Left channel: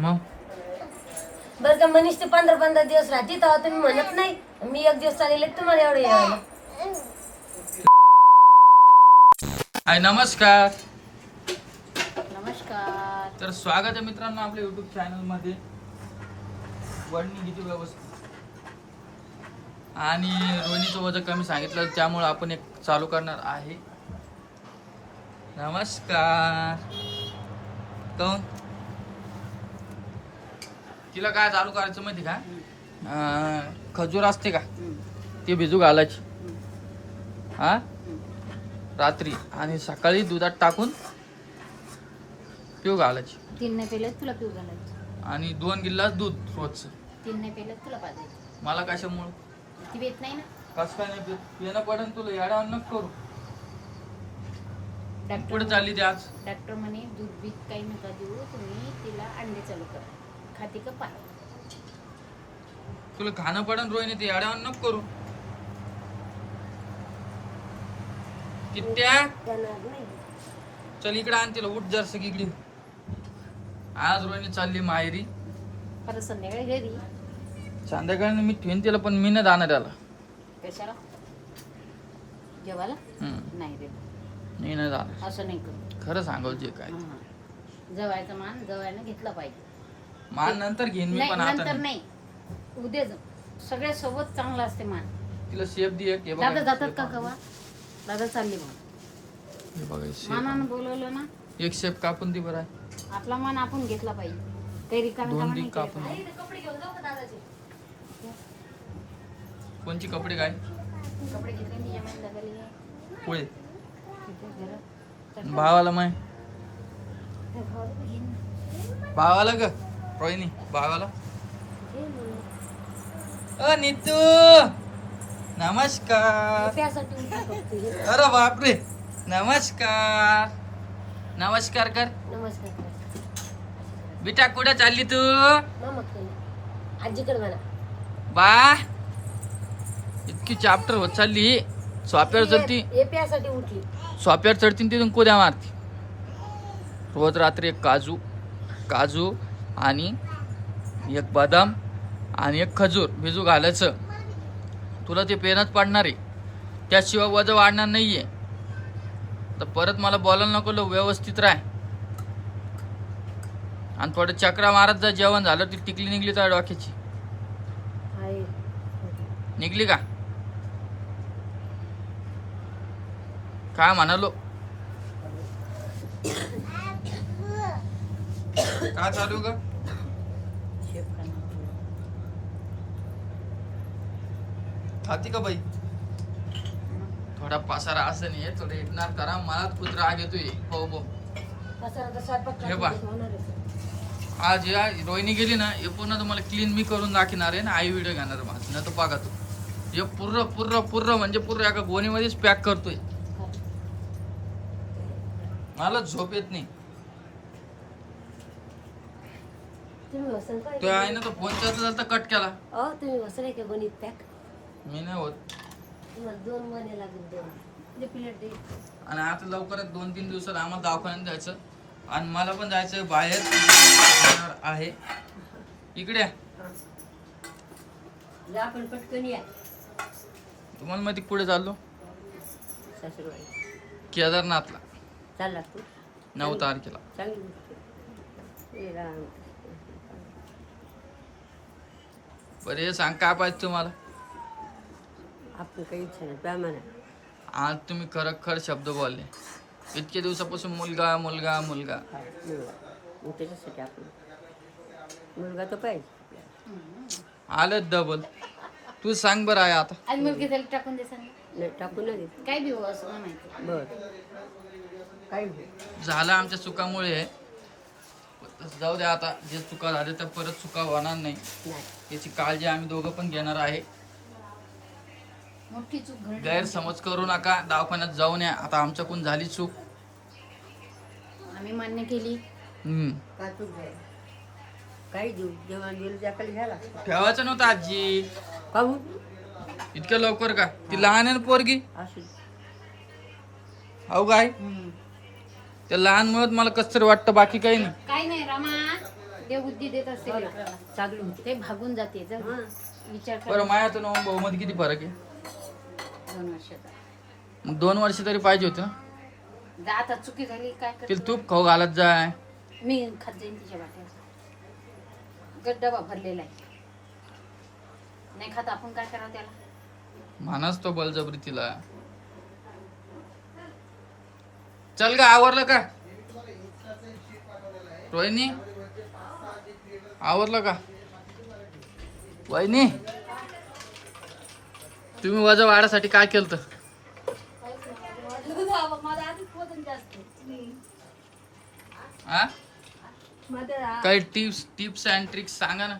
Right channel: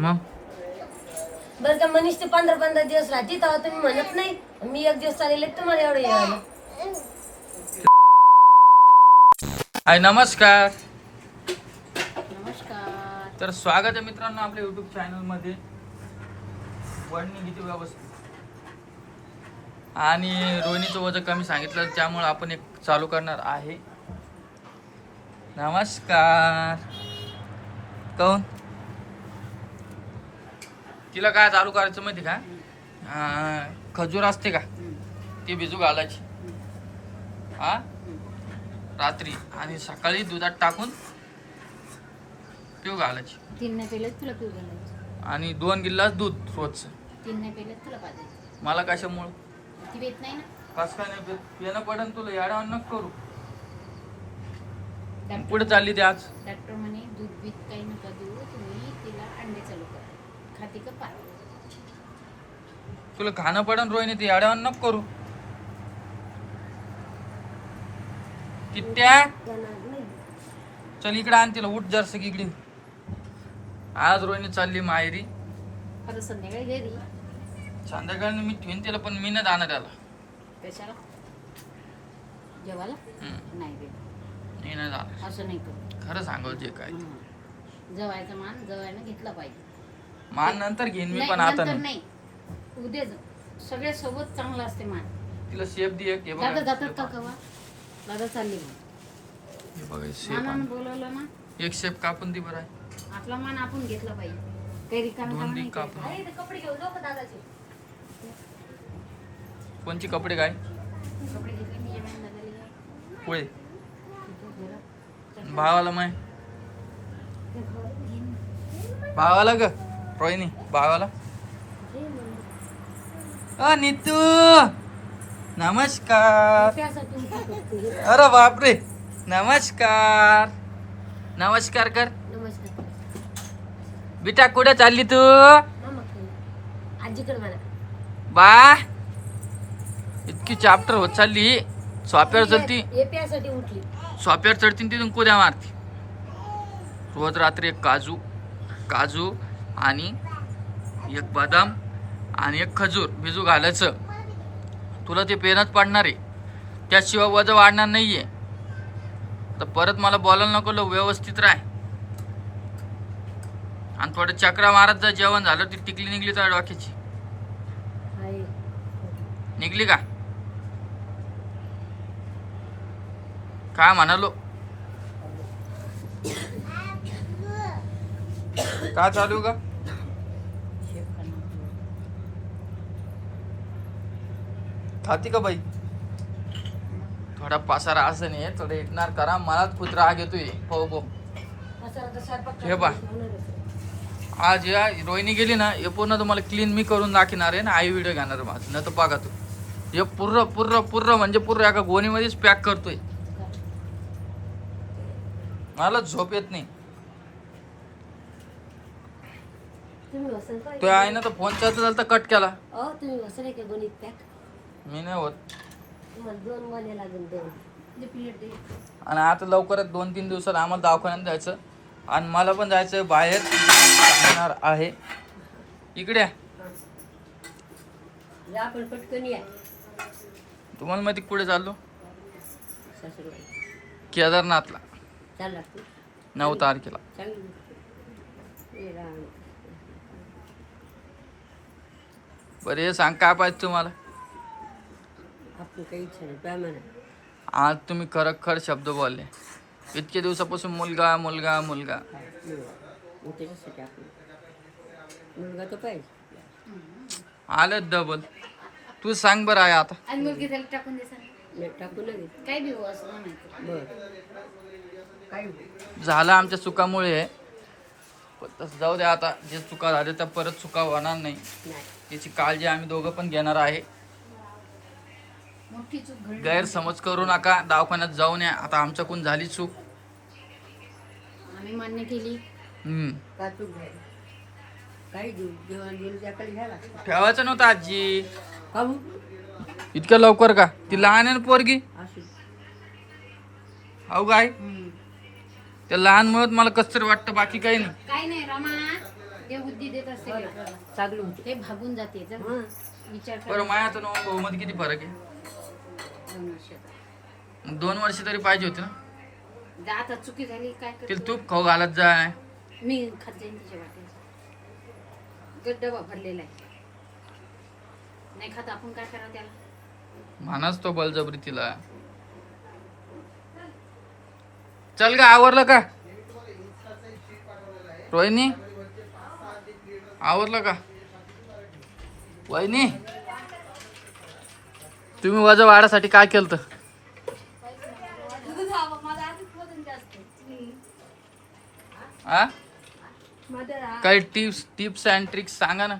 मग बरं का मनीष ते 15-15 दिवस राहते तेव्हा तुम्ही म्हणत नाही मी एक दिवस चालेल तुम्हाला एवढं यायला. हाय नमस्कार. नमस्कार. तर स्वागत आहे मित्रांनो आपल्या युट्यूब चॅनल मध्ये वडणी किती व्यवस्थित आणि रोहिणीचं वजन कमी सांगितलं त्यामुळे आपण एक चालू करणार आहे. नमस्कार. कोण तिला काय चालू करायचं माहिती का? खजूर असते का ती भिजू घालायची हा रात्री आणि सकाळी दुधात टाकून पिऊ घालायची. 3 नाही पेलं तुला पिऊ घालायचं आणि 2 गिल्लास दूध रोजचं. 3 नाही पेलं तुला पाजायचं. मला कशामुळे ती भेट नाही ना. कसं काय नाही पिणं पडन तुला याडा नको करू. डॉक्टर पुढे चालली ते आज डॉक्टर म्हणे दूध बीत काही नका देऊ तुम्ही तिला अंडे चालू करा. खाते का पाय तुला खाणं पडन रोहिणी ते याड्यावर नको करू. कित्या चल इकडे आण तिला उठ जरस इकडे. आज रोहिणी चालली माहेरी. परत संध्याकाळी घरी संध्याकाळी मी ठेवीन तिला पण मी नाही जाणार त्याला. कशाला जेवायला नाही रे मी नाही जाणार. असं नाही करू. खरं सांगू जे काय जवायचा मान जवायला घेतला पाहिजे. मान नंतर घेईन मी नाही, पण आता नंतर नाही. नाही उद्या सगळ्या सोबत चांगला असते मान. तिला शेप दे एक. हे बघा. दादा जातात का कवा दादा चालली मग हे बघा शेप मानानं आहे. बोलवलं ना एक शेप कापून दे बरं. आपला मान आपण घेतला पाहिजे. काही रिकामी दोन कामं दी नाही कापून. करायची. आई, ते कपडे घेऊन जाऊ का दादाचे? कोणची कपडे काय कपडे घेतले मी येणार दादाला घे. पुढे तिच्या घरात. भावाला माय भावाला ग रोहिणी भावाला. नीतू नमस्कार. त्यासाठी उलटी करते. अरे बापरे नमस्कार. नमस्कार कर. नमस्कार. बेटा कुठे चालली तू? मामा खाली. आजीकडे म्हणा. बा इतकी चॅप्टर होत चालली. स्वाप्यावर चढती हे प्यासाठी उठली. स्वाप्यावर चढती तिथून कुद्या मारती. रोज रात्री एक काजू आणि एक बदाम आणि एक खजूर भिजू घालायचं. तुला ते पेनच पडणार आहे. त्याशिवाय वजन वाढणार नाहीये. तर परत मला बोलायला नको. व्यवस्थित राह आणि थोडं चक्रा मारत जा. जेवण झालं ती टिकली निघली तर डोक्याची आई. निघली का काय म्हणालो. काय चालू का शेप करणार. खाती का बाई? थोडा पसारा असं नाही थोडं इग्नोर करा. मलाच खूप राग येतोय. हो बो असं आता स्वयंपाक हे बा. होणार आहे. आज या रोहिणी गेली ना हे पूर्ण तुम्हाला क्लीन मी करून दाखवणार आहे ना. आई व्हिडिओ घेणार माझं नाही तर पागा तू. हे पूर्ण म्हणजे पूर्ण एका गोणीमध्येच पॅक करतोय. मला झोप येत नाही. तुम्ही वसन काय? तो आहे ना तर फोन चालता चालता कट केला. तुम्ही वसन आहे का गणित पॅक? मी नाही होत. तुम्हाला 2 महिने लागेल 2. ते प्लेट दे. आणि आता लवकरच 2-3 दिवसात आम्हाला दवाखान्यात जायचं आणि मला पण जायचं बाहेर जाणार आहे. इकडे या आपण पटकन या. तुम्हाला माहिती कुठे चाललो? सासूबाई केदारनाथला चालला तू 9 तारखेला. चांगली हे राम. बरं हे सांग काय पाहिजे तुम्हाला? आपण काही इच्छा नाही प्या म्हणा. आज तुम्ही खरखर शब्द बोलले. इतके दिवसापासून मुलगा मुलगा मुलगा. मग त्याच्यासाठी आपण मुलगा तर पाहिजे. आलं डबल. तू सांग बरं आहे आता. आज मुलगी त्याला टाकून दे सांग. नाही टाकू नये. काय भिवू असं म्हणायचं. बर काय झालं आमच्या चुकामुळे. तसं जाऊ द्या आता. जे चुका झाले त्या परत चुका होणार नाही याची काळजी आम्ही दोघं पण घेणार आहे. मोठी चूक घडली. गैरसमज करू नका. दवाखान्यात जाऊन या. आता आमच्याकडून झाली चूक. आम्ही मान्य केली. का तू घे काही देऊ जेवण गेलं त्याकडे घ्यायला ठेवायचं नव्हतं आजी. पाहू इतक्या लवकर का? ती लहान आहे ना पोरगी. असू. अहो काय त्या लहान मुळत मला कसं तरी वाटतं. बाकी काही नाही. काय नाही रमा ते बुद्धी देत असते लेकराला. चांगली होती. ते भागून जाते जर विचार कर. बरं माया तो भाऊ मध्ये किती फरक आहे? 2 वर्षाचा. मग 2 वर्ष तरी पाहिजे होते ना. जा आता चुकी झाली काय कर. तिला तूप खाऊ घालत जाय. मी खात जाईन तिच्या वाट्याचा. डबा भरलेला आहे. नाही खात आपण काय करा त्याला. मानाच तो बळजबरी तिला. चल का आवरलं का रोहिणी? आवरलं का वहिनी? तुम्ही वजन वाढासाठी काय केलं? हा काही टिप्स अँड ट्रिक्स सांगा ना.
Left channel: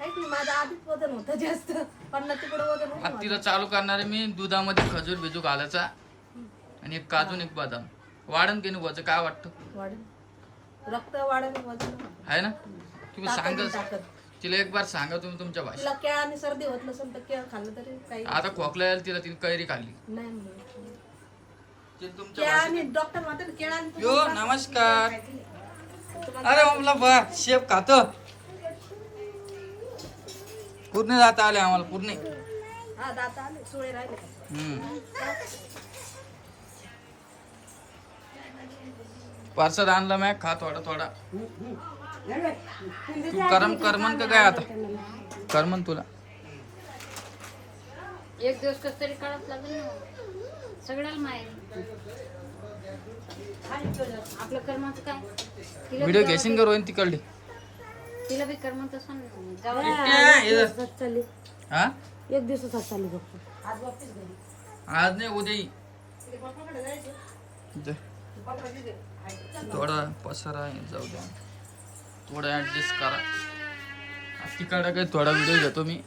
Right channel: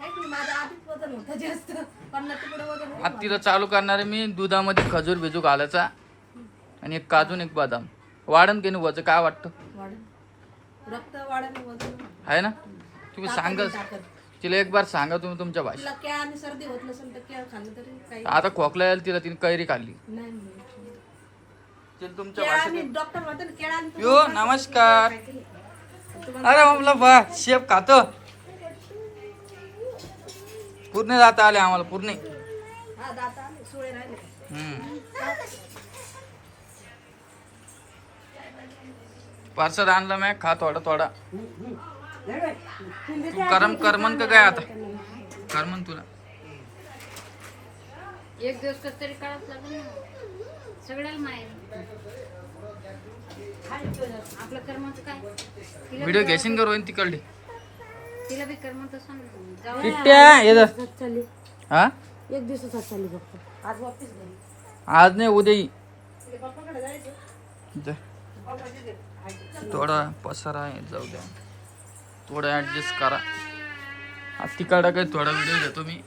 माझं आधीच वजन होतं जास्त. 50 तिकडे वजन होतं. आता तिला चालू करणार आहे मी. दुधामध्ये खजूर बिजू घालायचा आणि एक काजू आणि एक बदाम. वाढन की नाही वजन? काय वाटतं? वाढेल. रक्त वाढेल, वजन आहे ना? तुम्ही सांगा ताकद. तिला एक बार सांगा तुम्ही तुमच्या भाषेत. तुला क्या आणि सर्दी होत नसेल तर क्या खाल्लं तरी काही आता खोकला यायला तिला तिने कैरी खाल्ली. नाही. तिला तुमच्या क्या भाषेत. आम्ही डॉक्टर म्हणते ना, केळं आणि यो नमस्कार. अरे म्हणलं बा शेप खातो. पूर्ण जाता आले आम्हाला पूर्ण. हा, दात आले, सुळे राहिले. पार्सल आणलं मी. खा थोडा थोडा. तू करमन का काय आता? करमन तुला. एक दिवस कसं तरी काढावंच लागेल ना. सगळ्याला माहेर. आपलं कर्माचं काय. व्हिडिओ घेशील का रोहिणी तिकडली? तिला बी कर्म तसं जाऊ. किट्ट्या, ये जा. चालली हा एक दिवसात चालली फक्त. आज वापस घरी. आज नाही उद्या ये. जा. थोडा पसारा आहे जाऊ द्या. थोडं ऍडजस्ट करा. आज तिकडे थोडा व्हिडिओ घेतो मी.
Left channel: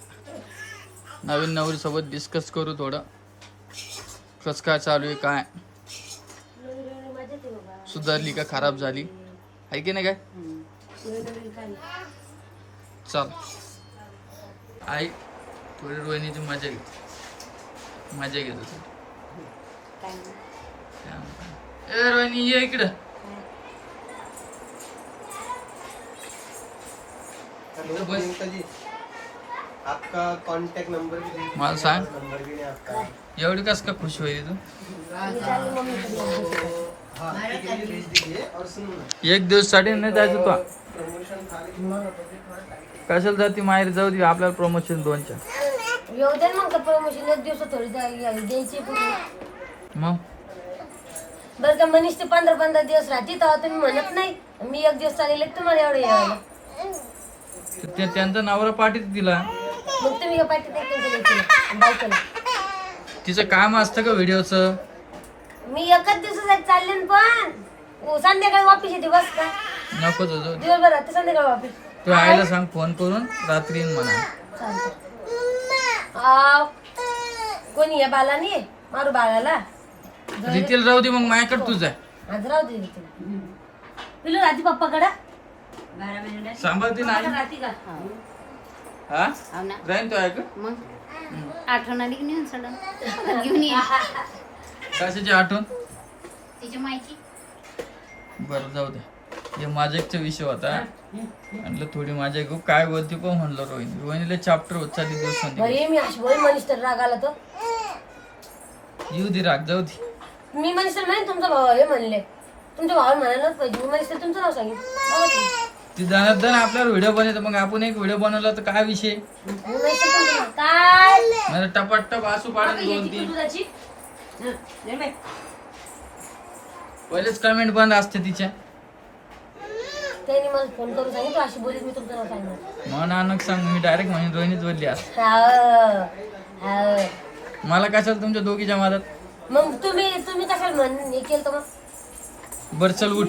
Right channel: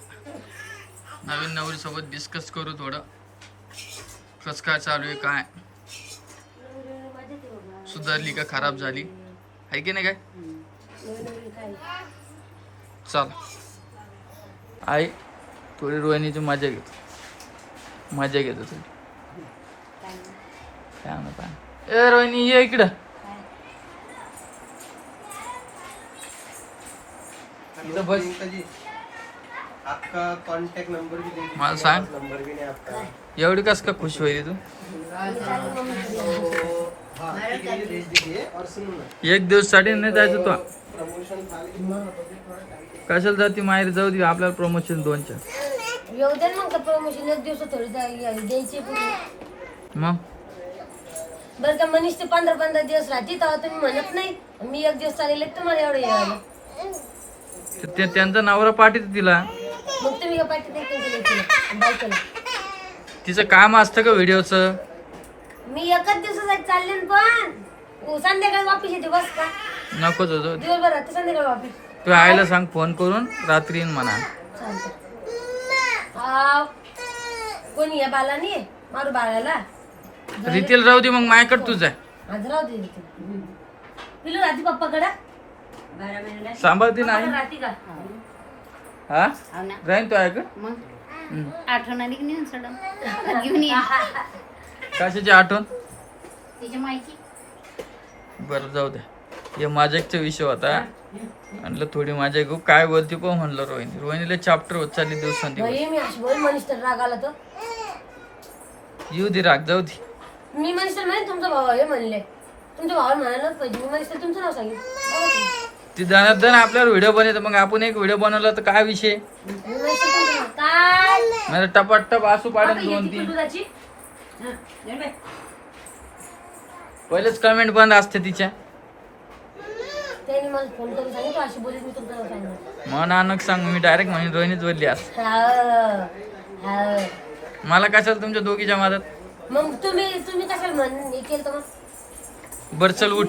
नवीन नवरी सोबत डिस्कस करू थोडं. कसं काय चालू आहे काय. सुधारली का खराब झाली आहे की नाही काय. चल आई थोडी रोहिणीची मजा घेतो. मजा घेतो तू. ए रोहिणी ये इकडं. बस. आपका कांटेक्ट नंबर भी दे दीजिए. मला सांग नंबर भी नहीं आपका. एवढी कस का खुश होईल तू? हाँ ठीक है, ये भेज दीजिए. और सुनो ना, एक दिवस साठी नाही जायचं तो. प्रमोशन खाली कशाला जाती माहेर? जाऊ दे आपल्याला प्रमोशन 2च्या. येऊ दे ना मग प्रमोशन. एक दिवस थोडी द्यायची पूर्ण. मग बरं का मनीष ते 15 दिवस राहते तेव्हा तुम्ही म्हणत नाही मी एक दिवस चालेल तुम्हाला एवढं यायला. त्यांचा नवरा पाठीत तिला. मग तुम्ही का पाठी बायकोला. तिचं काम असतं का व्हिडिओचं? मी एकच दिवसासाठी चालले ना पण संध्याकाळी वापिस येते बस का. नको जाऊ. दिवसभर राहते संध्याकाळी वापिस. तू आईला सांग फोन करून रात्री येईन म्हणा. कोणी या बालानी मारू बाळाला. रितेल राहू दे मग माझ्याकडे तुझं आहे. आज राहू दे पिलू राहते पप्पाकडे. सांभाळते नाही. राहते का. हा हो ना. राहीन तो ऐकत. मग आठवण आली की नाही सडन घेऊन ये. कशाची आठवण? तिच्या माहिती. बरं जाऊ दे. हे माझ्याचा विषय होता. म्हणलं थोडी माझ्या घेऊ काय बोलते पण म्हणलं रोहिणीला चॅप्टर होत चालली दिवसांनी. भाई मी अशी बोल मनीष तर राग आला तर येऊ दे राग जाऊ दे. मी मनीष तर म्हणे तुमचा भाऊ हे म्हणले. तुमच्या भावाला म्हणायलाच पाहिजे. मी मनीष तर तुमचं नाव सांगितलं. ती दण आपल्याला व्हिडिओ बनवतो. मग आपण एक व्हिडिओ बनवला तर काय विषय? मनीष तर तुमचं नाव. काय मला टपाटप आसू बाबा, पाडून याची 2-3 पिलूराची. हं, ये बाई. पहिलेच कमेंट बंद असते तिच्या. त्यांनी मला फोन करून सांगितलं अशी बोलीत मी तुमचं नाव सांगणार. मग नानक सांग मी डायरेक्ट म्हणून रोहिणीच बोलली असं. हा. मला कशाला तुमच्या दोघीच्या मदत. मग तुम्ही कशाला हे केलं तर मग. बरं चल उठ.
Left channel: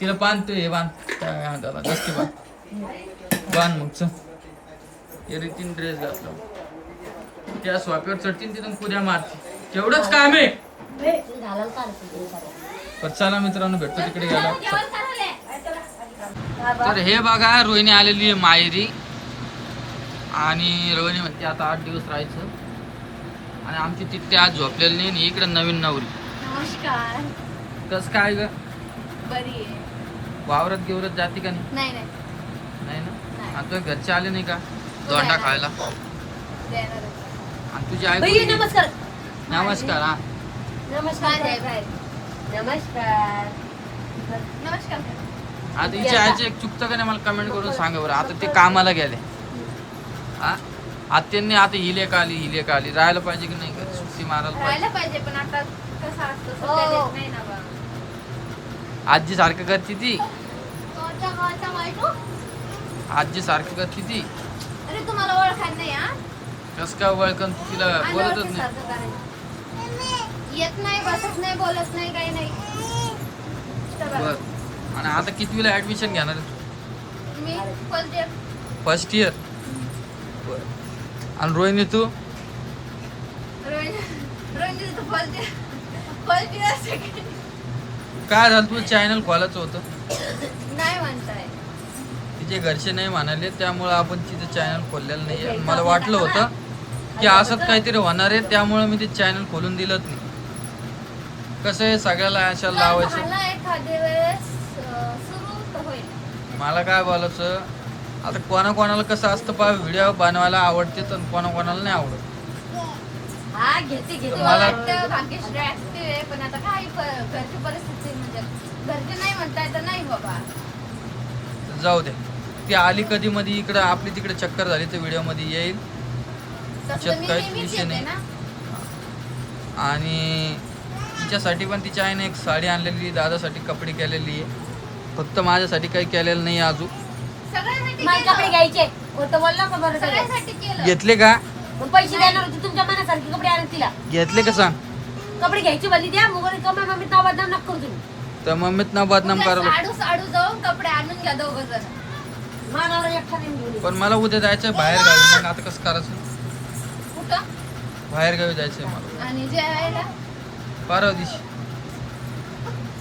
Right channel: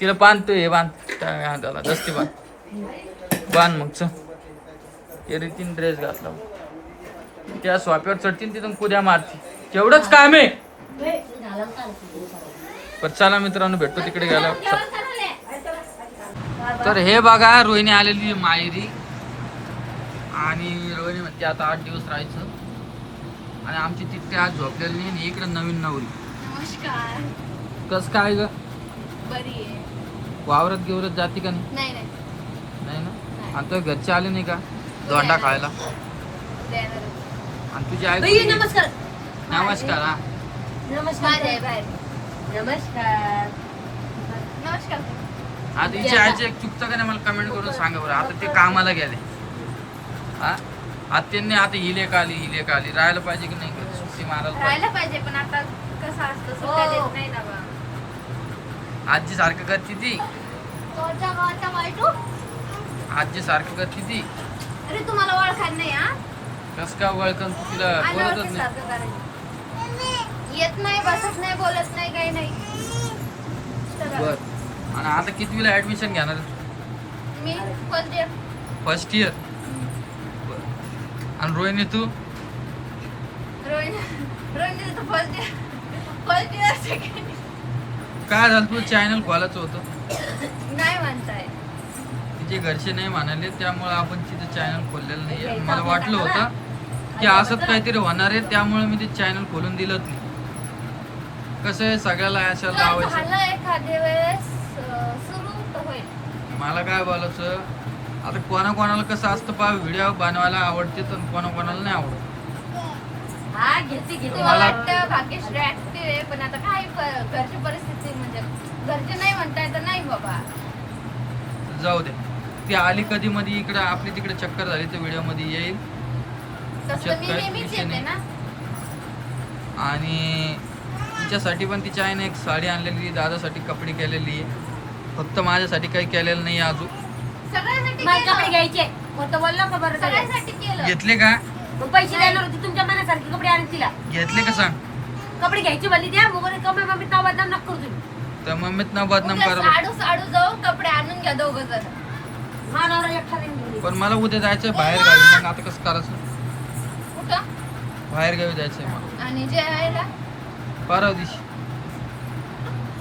तिला बांधतोय. हे बांध काय हाताला दसती बांध मग चल. हे रीतीन ड्रेस घातला. त्या स्वाप्यावर चढतील तिथून कुद्या मारती. तेवढंच काम आहे. झालं चालतं. पण चला मित्रांनो भेटतो तिकडे गेला. तर हे बघा रोहिणी आलेली आहे माहेरी. आणि रोहिणी म्हणते आता 8 दिवस राहायचं. आणि आमची तिथे आज झोपलेली नाही. आणि इकडे नवीन नवरी. नमस्कार. कस काय ग? बरी आहे. वावरत गिवरत जाते का नाही? नाही आता घरचे आले नाही का दोंडा खायला? उद्या येणार होते. आणि तुझी आई बाई, कुठे गेली? नमस्कार. नमस्कार हा. नमस्कार बाहेर आहे, बाहेर. नमस्कार. नमस्कार. आता हिची आईचं एक चुकतं का नाही मला कमेंट करून सांगा बरं. आता ते कामाला गेले हा. आत्यांनी आता हिलेक आली राहायला पाहिजे की नाही सुट्टी मारायला पाहिजे. राहायला पाहिजे पण आता कसं असतं सुट्ट्या देत नाही ना बा. आजी सारखं करते ती. आजी सारखं करते ती. अरे तुम्हाला ओळखायला नाही हा कस का वळकन तू तिला आल्यावरती बोलतच नाही. सारखं करायचं. येत नाही बसत नाही बोलत नाही काही नाही बर. आणि आता कितवीला ऍडमिशन घेणार आहे तू? मी बोलते फर्स्ट इयर. बर. आणि रोहिणी तू? रोहिणी तर फर्स्ट इयर सेकंड काय झालं तुझं चॅनल खोलायचं होतं? नाही म्हणताय. तिचे घरचे नाही म्हणाले त्यामुळे आपण तिचं चॅनल खोललेलं नाही. मला वाटलं होतं की असंच काहीतरी होणार आहे त्यामुळे मी ते चॅनल खोलून दिलंच नाही. कसं आहे सगळ्याला अशा लावायचं. झालं एखाद्या वेळेस सुरू तर होईल. मला काय बोलायचं आता कोणाकोणाला कसं असतं पा व्हिडिओ बनवायला आवडते तर कोणाकोणाला नाही आवडत. हा, घेते घेते. तुला वाटतं भाग्यश्री ऍक्टिव्ह आहे पण आता काय घरची परिस्थिती म्हणजे घरचे नाही म्हणताय तर नाही बाबा. जाऊ दे. ती आली कधी मध्ये इकडं आपली तिकडे चक्कर झाली तर व्हिडिओ मध्ये येईल. तसं मी काही नेहमीच विषय येते नाही. ना. आणि तिच्यासाठी पण तिच्या आईने एक साडी आणलेली दादासाठी कपडे केलेली आहे. फक्त माझ्यासाठी काही केलेलं नाही अजून. सगळ्यांसाठी मला कपडे केलं. घ्यायचे होतं बोललो का बरं सगळं. सगळ्यांसाठी केलं. घेतले का? मग पैसे देणार होते तुमच्या मनासारखे कपडे आणून तिला. घेतले का सांग? कपडे घ्यायची भली द्या मग कपडे मम्मी नाव बदनाम नका करू तुम्ही. तर मम्मीत ना बदनाम उद्या करायला. साडू जाऊन कपडे आणून घ्या दोघं जण. मानावर एकटा नाही घेऊन ये. पण मला उद्या जायचंय बाहेर गावी. मग आता कसं करायचं? कुठं बाहेर गावी जायचंय मला आणि जेवायला परवा दिवशी.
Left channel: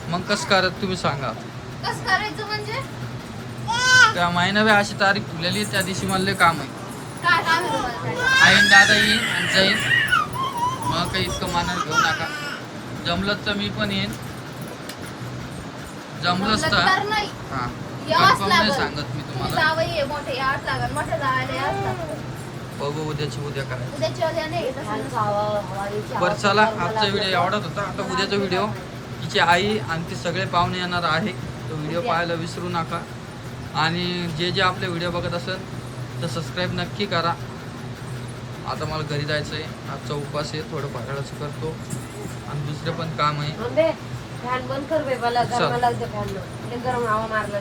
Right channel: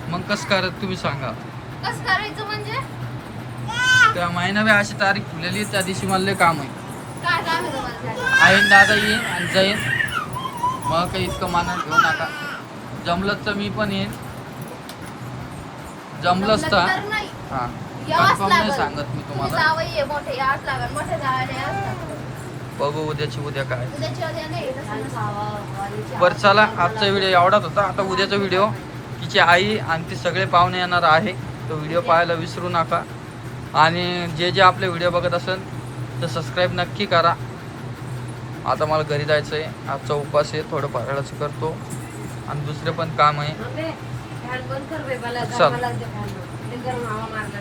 मग कसं करत तुम्ही सांगा. कसं करायचं म्हणजे त्या महिना अशी तारीख ठेवलेली आहे, त्या दिवशी मला लय काम आहे. काय काम आहे तुम्हाला? आईन दादा येईन आणि जाईन. मग काही इतकं मानानं घेऊ नका. जमलंच तर मी पण येईन. जमलंच तर तर नाही हा यावंच कन्फर्म नाही लागल. सांगत मी तुम्ही तुम्हाला. जावई आहे, मोठे याच लागल मोठे जायला याच लागल. बघू उद्याची उद्या काय. उद्याची उद्या नाही तसं आणि नसतं. हवाची बरं चला हवा आजचा व्हिडिओ एवढाच होता. आता उद्याचा व्हिडिओ तिची आई आणि ती सगळे पाहुणे येणार आहे. तो व्हिडिओ पाहायला विसरू नका. आणि जे आपले व्हिडिओ बघत असेल तर सबस्क्राईब नक्की करा. आता मला घरी जायचं आहे. आजचा उपवास आहे. थोडं फराळाचं करतो आणि दुसरे पण काम आहे. फॅन बंद कर बे मला चल. गरम लागते फॅन. गरम हवा मारला